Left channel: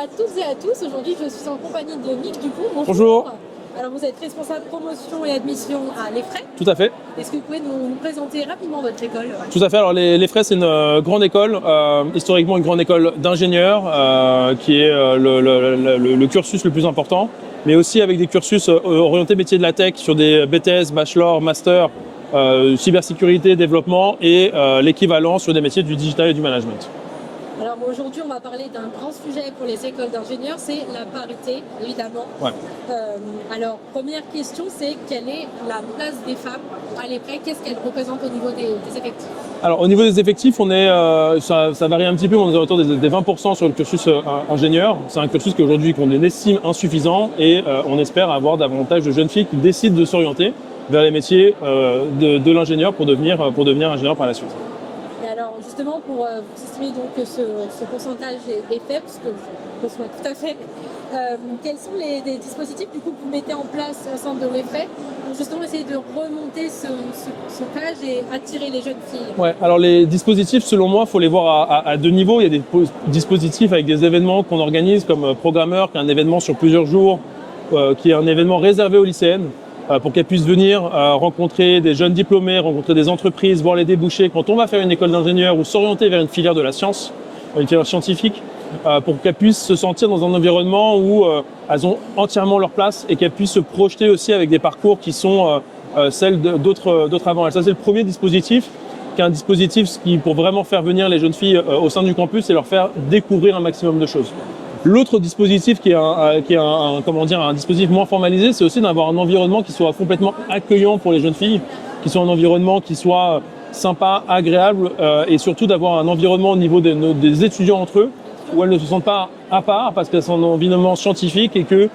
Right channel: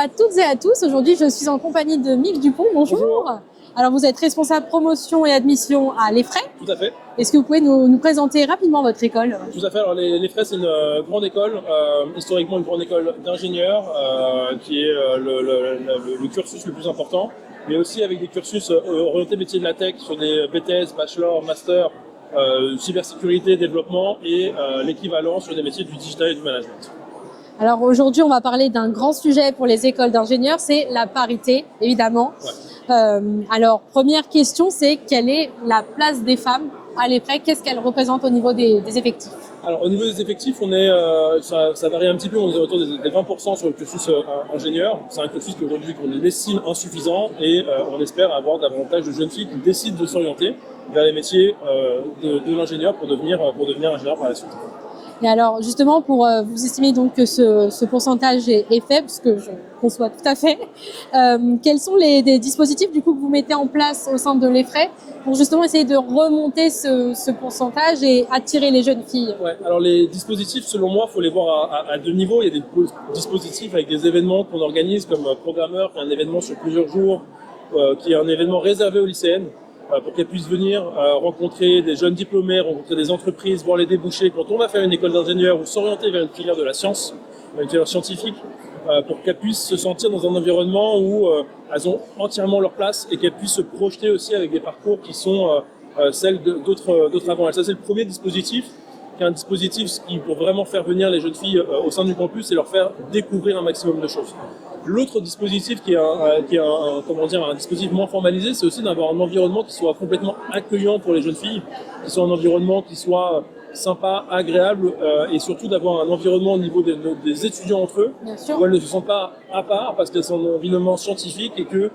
à toutes et à tous. Aujourd'hui, je suis en compagnie de Mick Dupont. Bonjour. Bonjour. Alors, vous êtes responsable promotion et admission à l'EFRAY. Tout à fait. Est-ce que vous pouvez nous présenter rapidement votre école? Tout à fait. Alors l'EFRAY, c'est une grande école, historiquement une grande école d'ingénieurs, qui est le cursus le plus important, mais aussi avec des cursus orientés métiers de la tech sur des BTS, bachelor, master, cybersécurité, développement et l'équivalent sur des métiers du digital et du management. Alors aujourd'hui, on va parler d'un grand sujet pour les écoles d'ingénieurs, c'est la parité, évidemment. Ouais. Alors, première question, c'est quelle est la place des femmes à l'EFRAY? Qu'est-ce qu'elle représente au niveau des effectifs? Alors au niveau des effectifs, on est, ça varie un petit peu, on est autour des 20% sur le cursus ingénieur. C'est un cursus qu'aujourd'hui qu'on estime insuffisant et on espère avoir davantage de jeunes filles qui décident de s'orienter vers les métiers de l'ingénieur pour devenir ingénieur par la suite. Et alors, justement, pour vous estimer donc que ce pourcentage est faible, ce que je conçois tout à fait, quels sont des dispositifs du coup que vous mettez en place au sein de l'EFRAY pour justement essayer de remonter ce pourcentage et attirer les jeunes filles? Ouais, alors les dispositifs, selon moi, il faut les voir à deux niveaux. Il y a des dispositifs avec des événements qu'on organise comme Programmeur, qui est un événement sur plusieurs jours, qui est un événement réservé aux lycéennes, pour qu'elles puissent venir rencontrer des jeunes diplômés, rencontrer des entreprises, voir les débouchés. Quand on va faire une école d'ingénieur ou s'orienter vers une filière de la science, une filière scientifique, pour qu'elles puissent se sentir dans un environnement où elles ont entièrement leur place et qu'elles puissent se projeter aussi avec des parcours qui sont celles d'autres avant. Et ça, c'est le premier dispositif, qui est un dispositif qui, pour vraiment faire venir les jeunes filles au sein du campus et leur faire découvrir un maximum de choses. L'autre dispositif qui est un dispositif moins formalisé, c'est aussi d'avoir un environnement qui soit complètement accueillant pour les jeunes filles, qui soit un environnement qui soit sympa, agréable, et surtout d'avoir un environnement au niveau des étudiants entre eux, où elles ne se sentent pas à part parce qu'elles sont dans un environnement scientifique et que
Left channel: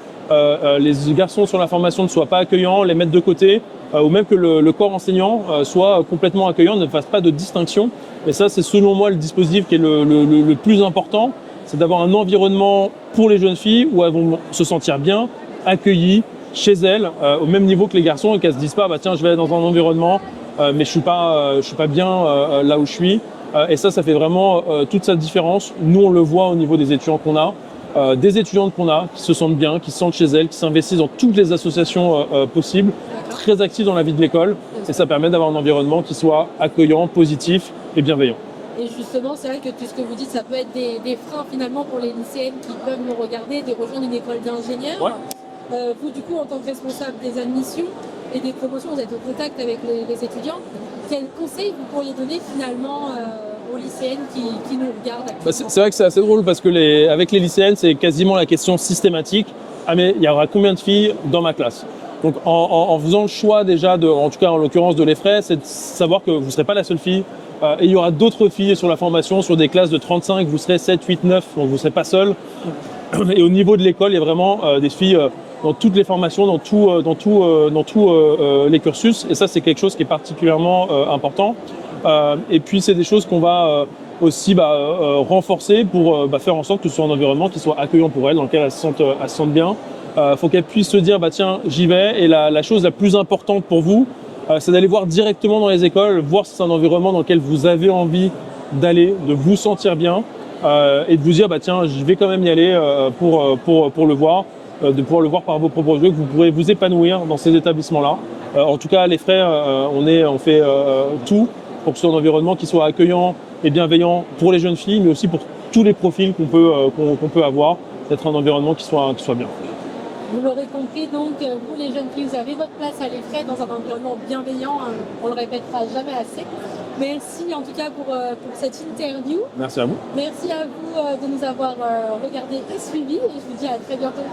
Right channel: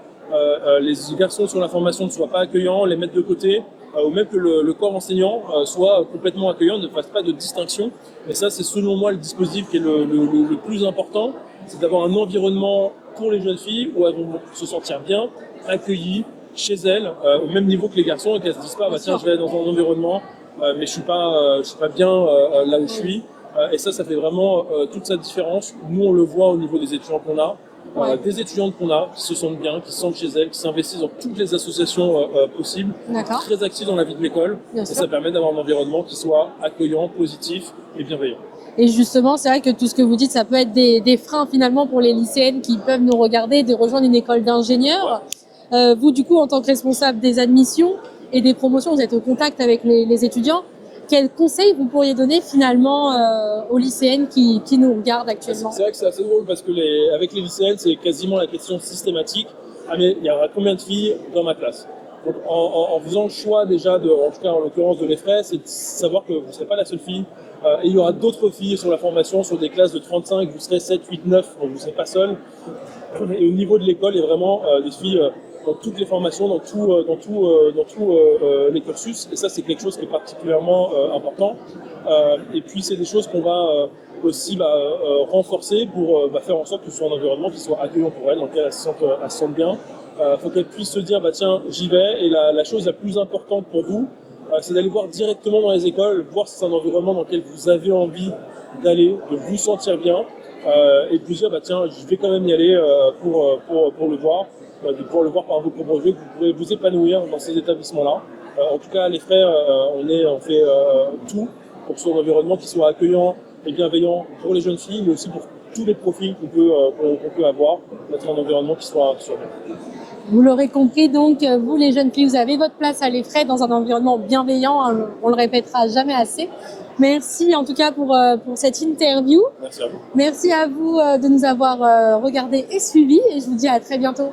les garçons sur la formation ne soient pas accueillants, les mettre de côté, ou même que le corps enseignant soit complètement accueillant, ne fasse pas de distinction. Et ça, c'est selon moi le dispositif qui est le plus important. C'est d'avoir un environnement pour les jeunes filles où elles vont se sentir bien, accueillies chez elles, au même niveau que les garçons, et qu'elles se disent pas, bah tiens, je vais aller dans un environnement, mais je suis pas bien là où je suis. Et ça fait vraiment toute sa différence. Nous, on le voit au niveau des étudiants qu'on a, des étudiantes qu'on a qui se sentent bien, qui se sentent chez elles, qui s'investissent dans toutes les associations possibles, très actives dans la vie de l'école, et ça permet d'avoir un environnement qui soit accueillant, positif et bienveillant. Et justement, c'est vrai que tout ce que vous dites, ça peut être des freins finalement pour les lycéennes qui peuvent nous regarder, de rejoindre une école d'ingénieurs. Ouais. Vous, du coup, en tant que responsable des admissions et des promotions, vous êtes au contact avec les étudiants. Quels conseils vous pourriez donner finalement aux lycéennes qui nous regardent actuellement? C'est vrai que c'est assez drôle parce que avec les lycéennes, c'est quasiment la question systématique. Ah mais il y aura combien de filles dans ma classe? Donc en faisant le choix déjà, en tout cas en l'occurrence de l'EFRAY, c'est de savoir que vous ne serez pas la seule fille. Et il y aura d'autres filles sur la formation, sur des classes de 35, vous serez 7, 8, 9, donc vous ne serez pas seul. Et au niveau de l'école, il y a vraiment des filles dans toutes les formations, dans tous les cursus. Et ça, c'est quelque chose qui est particulièrement important. Et puis, c'est des choses qu'on va aussi renforcer pour faire en sorte que ce soit un environnement qui soit accueillant pour elles, dans lequel elles se sentent bien. Faut qu'elles puissent se dire, bah tiens, j'y vais. Et la chose la plus importante pour vous, c'est d'aller voir directement dans les écoles, voir si c'est un environnement dans lequel vous avez envie d'aller, de vous sentir bien, et de vous dire, bah tiens, je vais quand même y aller pour le voir, de pouvoir le voir par vos propres yeux, que vous pourrez vous épanouir dans ces établissements-là. En tout cas, à l'EFRAY, on fait tout pour que ce soit un environnement qui soit accueillant et bienveillant pour les jeunes filles, mais aussi pour tous les profils qu'on peut avoir, d'être un environnement qui soit bien. Vous l'aurez compris, donc, vous les jeunes filles, vous avez votre place à l'EFRAY dans un environnement bienveillant, on le répétera jamais assez. Merci en tout cas pour cette interview. Merci à vous. Merci à vous de nous avoir regardés et suivis et je vous dis à très bientôt.